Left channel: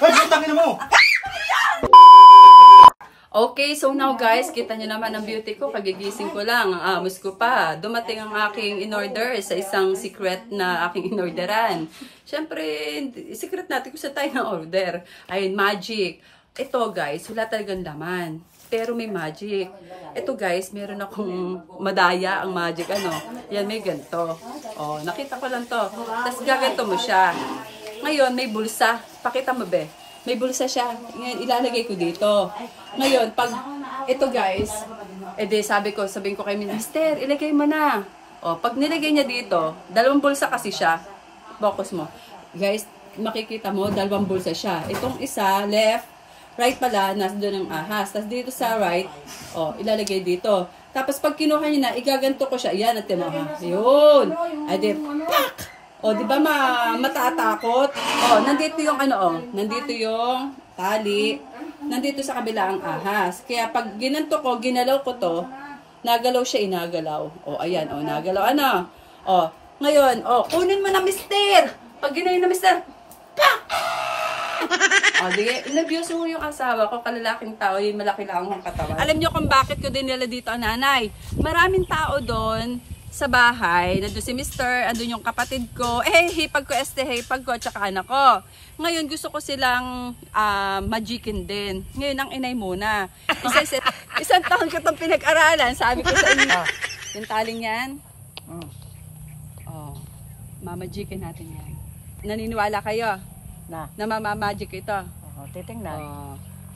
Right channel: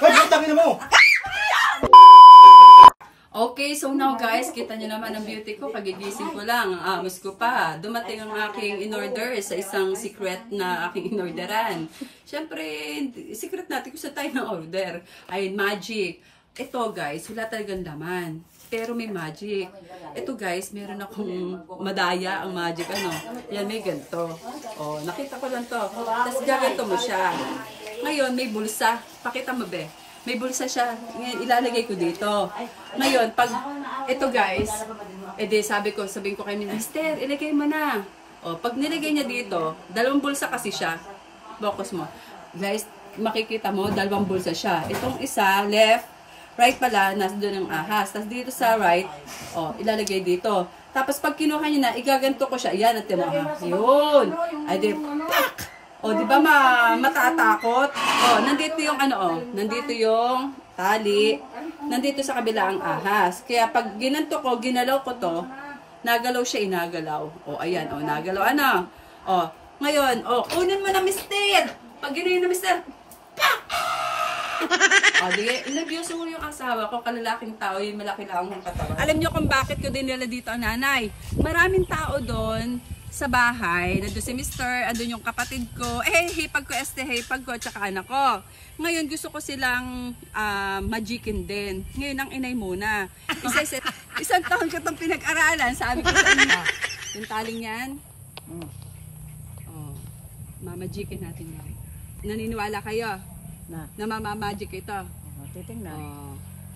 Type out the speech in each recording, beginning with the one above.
Ay, putangin mo! Okay, so now guys, kita nyo naman ang beauty ko. Kagigising ko lang, ang amos ko pa. Dumating ang aking in-order sa isang secret na aking in-orderan. Siyempre, secret natin kung saan tayo na-order. Ayun, magic. Ito guys, wala talagang laman. Pero may magic. Ito guys, meron akong madaya ang magic. Ano? Yan, may ganito. Oh, nakita ko lang to. Tapos gaganto mo siya. Ngayon, may bulsa. Pakita mo be. May bulsa siya. Ngayon, ilalagay ko dito. Ngayon, pag ito guys, sabihin ko kay Mister, ilagay mo na. O, pag nilagay niya dito, dalawang bulsa kasi siya. Focus mo. Guys, makikita mo, dalawang bulsa siya. Itong isa, left, right pala, nasa doon ang ahas. Tapos dito sa right, o, ilalagay dito. Tapos pag kinuha niya na, igaganto ko siya. Yan, natin mo ha. Yun. Ay, di, pak! O, di ba matatakot? O, nandito yung ano, nandito yung tali. Nandito sa kabila ang ahas. Kaya pag ginanto ko, ginalaw ko to, nagalaw siya, inagalaw. O, ayan, o, nagalaw, ano? O, ngayon, o, kunin mo na, mister! Pag ginayon na, mister, pak! O, di, inabuse mo yung asawa ko, kalalaking tao, yung malaki lang ang katawan. Alam niyo kung bakit ko din nila dito ang nanay? Maraming tao doon, sa bahay, nandun si Mister, andun yung kapatid ko, hipag ko, hipag ko, at saka anak ko. Ngayon, gusto ko silang magicin din. Ngayon, ang inay muna. Isang taon ko itong pinag-aralan, sabi ko sa inyo. Yung taling yan, mamagicin natin yan. Naniniwala kayo na mamamagic ito? Titingnan.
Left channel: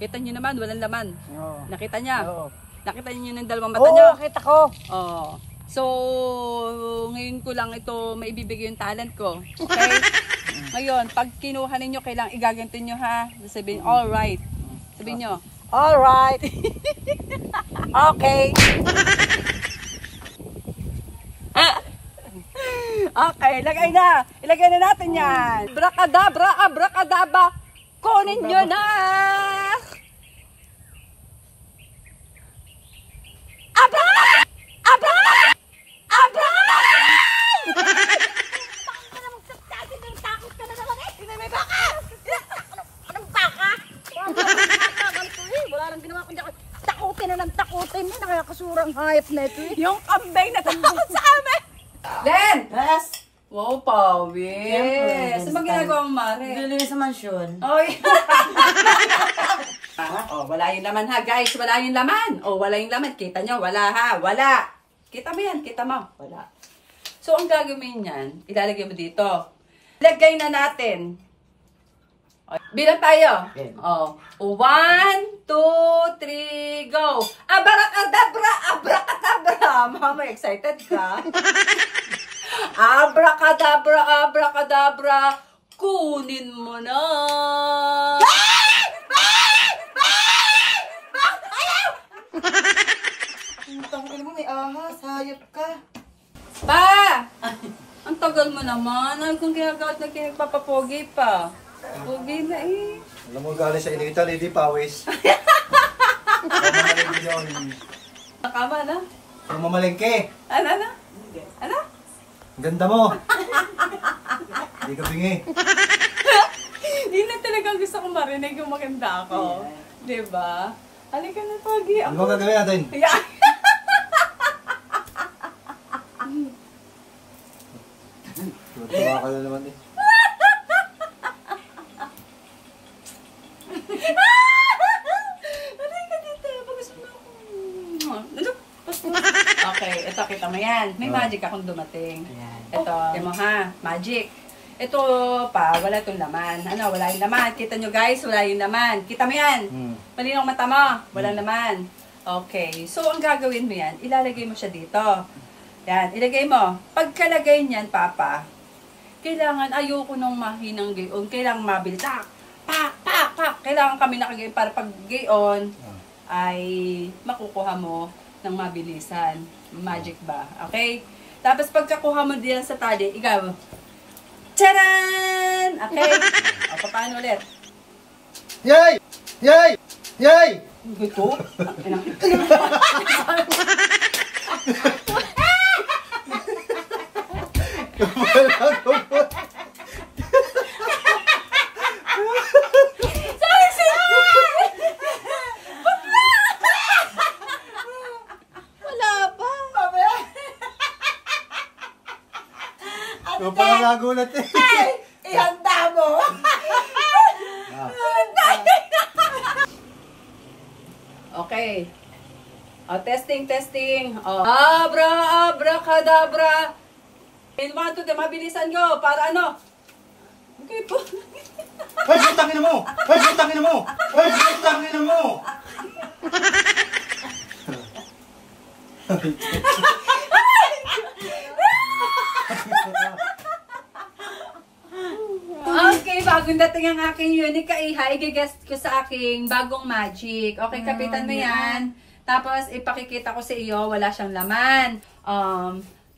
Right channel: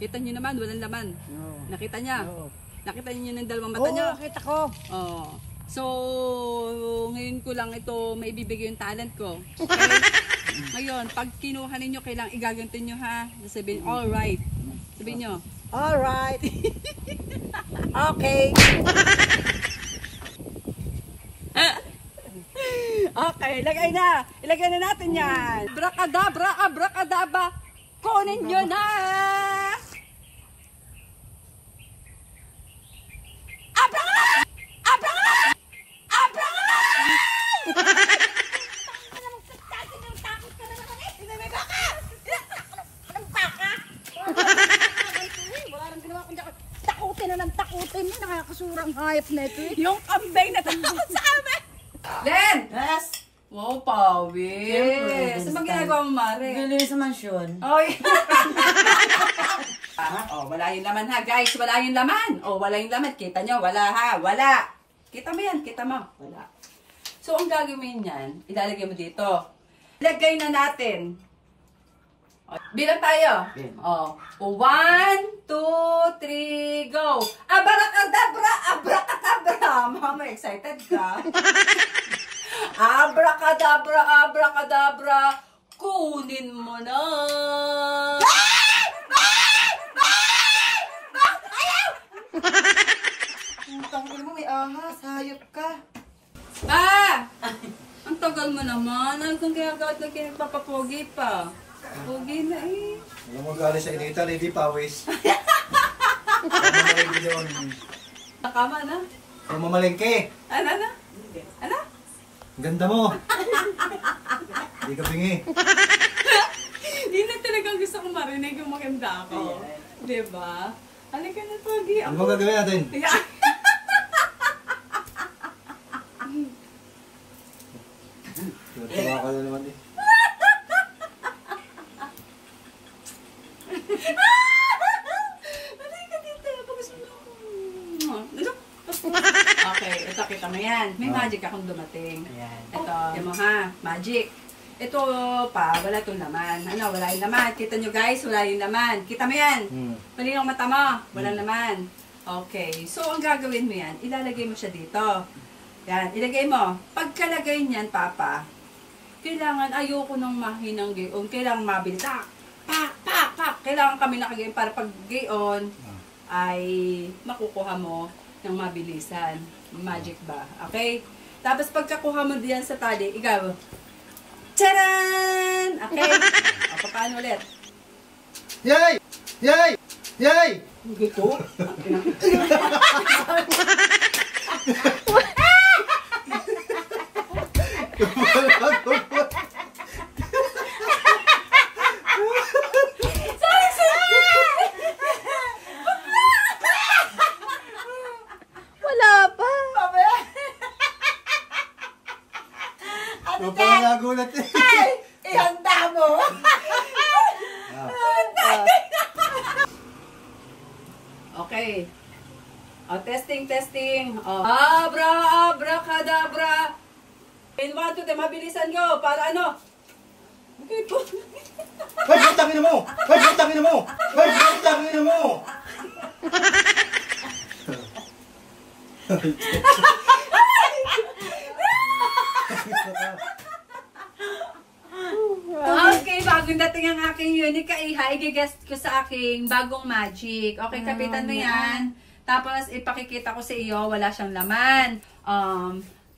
Kita nyo naman, walang laman. Nakita niya? Nakita nyo ng dalawang mata nyo? Oo, kita ko. So, ngayon ko lang ito maibibigay yung talent ko. Okay? Ngayon, pag kinuha ninyo, kailangang igaganto nyo ha. Sabihin, alright. Sabihin nyo, alright. Okay. Okay, lagay na. Ilagay na natin yan. Brakadabra, abrakadaba. Kunin nyo na. Takutin mo, nakakasurang hayop na ito eh. Yung kambay na takot sa amin. Len! Yes! Wow, pawis. Ano ba ginagawa mo, Mare? Bili sa mansyon. Oy! Wala yung laman ha, guys. Wala yung laman. Wala yung laman. Kita nyo, wala ha. Wala. Kita mo yan, kita mo. Wala. So, ang gagawin yan, ilalagay mo dito. Ilagay na natin. Bilang tayo. 1, 2, 3, go. Abracadabra, abracadabra. Mama, excited ka? Abracadabra, abracadabra. Kunin mo na. Tangin mo, may ahas. Hayop ka. Pa! Ang tagal mo naman. Ano kung ginagawa na kinagpapapogi pa? Pogi na eh. Alam mo, galing sa inital, hindi pawis. Mamamalengke yun. Nakama na? Mamalengke. Ano? Ano? Ganda mo. Hindi ka bingi. Hindi na talagang gusto kong marinig yung maganda ako. Diba? Halika na, Pogi. Ano ba gagawin natin? Yeah. Tuwa ka na naman eh. Okay, ito kita mo yan. May magic akong dumating. Ito, yan mo ha, magic. Ito pa, wala itong laman. Ano, wala yung laman. Kita nyo guys, wala yung laman. Kita mo yan. Malinaw mata mo, wala laman. Okay, so ang gagawin mo yan, ilalagay mo siya dito. Yan, ilagay mo. Pagkalagay niyan, Papa, kailangan ayoko nung mahinang gayon. Kailangan mabilis. Pak. Kailangan kami nakagayon para pag gayon ay makukuha mo ng mabilisan. Magic ba? Okay? Tapos pagkakuha mo diyan sa tali, ikaw, tcharan! Okay? O, paano ulit? Yay! Yay! Yay! Gusto? Testing, testing. Abracadabra. In 1, 2, 3, mabilisan nyo. Para ano? Okay po. Hoy, putangin mo! Hoy, putangin mo! Hoy, putangin mo! Okay, bagong dating ang aking unique kaiha. I-guest ko sa aking bagong magic. Okay, kapitan mo yan. Tapos, ipakikita ko sa iyo, wala siyang laman.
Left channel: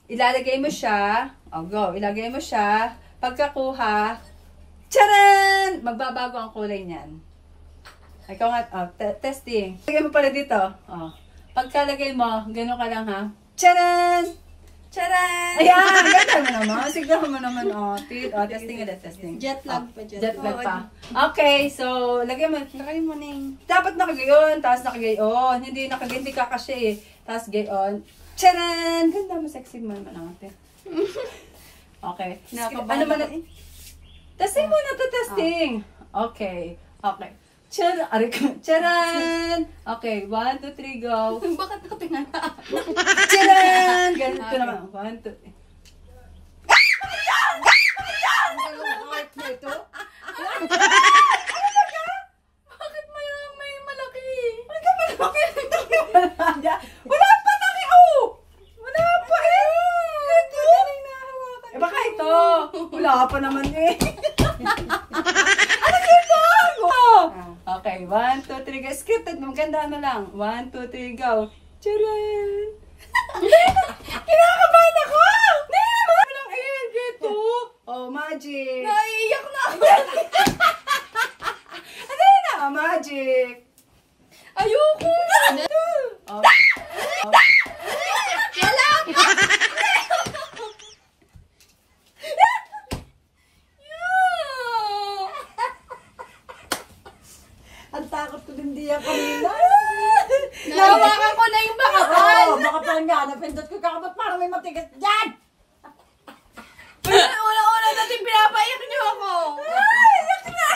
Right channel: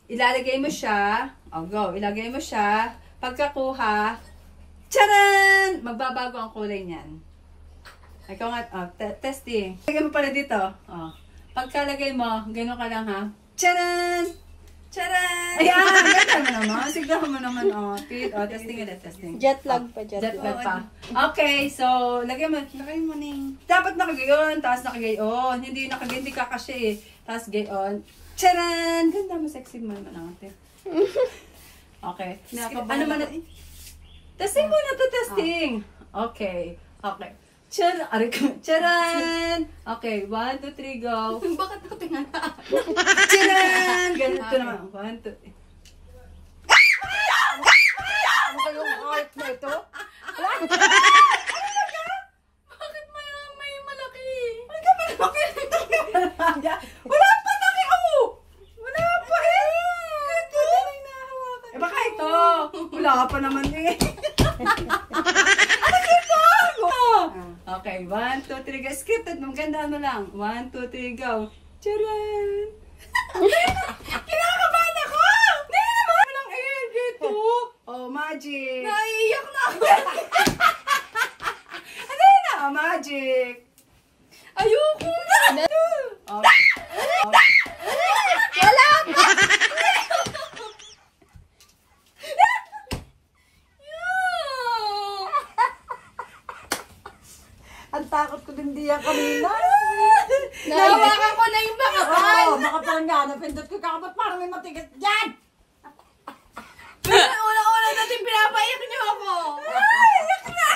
Ilalagay mo siya. Go. Ilagay mo siya. Pagkakuha, tcharan! Magbabago ang kulay niyan. Ikaw nga, testing. Lagay mo pala dito. Pagkalagay mo, gano'n ka lang ha. Tcharan! Tcharan! Ayan! Ganda mo naman. Sigla mo naman. Testing ulit, testing. Jet lag pa, jet lag pa. Okay, so, lagay mo. Lagay mo na yung... Dapat nakagayon, tapos nakagayon. Hindi nakagayon, hindi kakasya eh. Tapos gayon. Tcharan! Ganda mo, sexy mo naman natin. Okay. Ano man na... Testing muna to, testing. Okay. Okay. Charan! Okay, 1, 2, 3, go. Bakit nakatinga na? Charan! Ganito naman. 1, 2, 3. Ano yung heart na ito? Bakit may malaki? Wala pa taki! Wala pa eh! Ito! Baka ito! Wala pa naman eh. Ano dito? Okay, 1, 2, 3, go. Scripted, maganda ano lang. 1, 2, 3, go. Charan! Kinakabahan ako! Hindi naman! Walang air, dito. Magic. Naiiyak na ako. Ano na? Magic. Ayoko na. Wala! Ang takot ko din diyan kanina. Nahawakan ko na yung makapal. Makapal nga. Napindot ko kakapot parang may matigas dyan. Una-una natin pinapayak niyo ako. Ay, iyak na.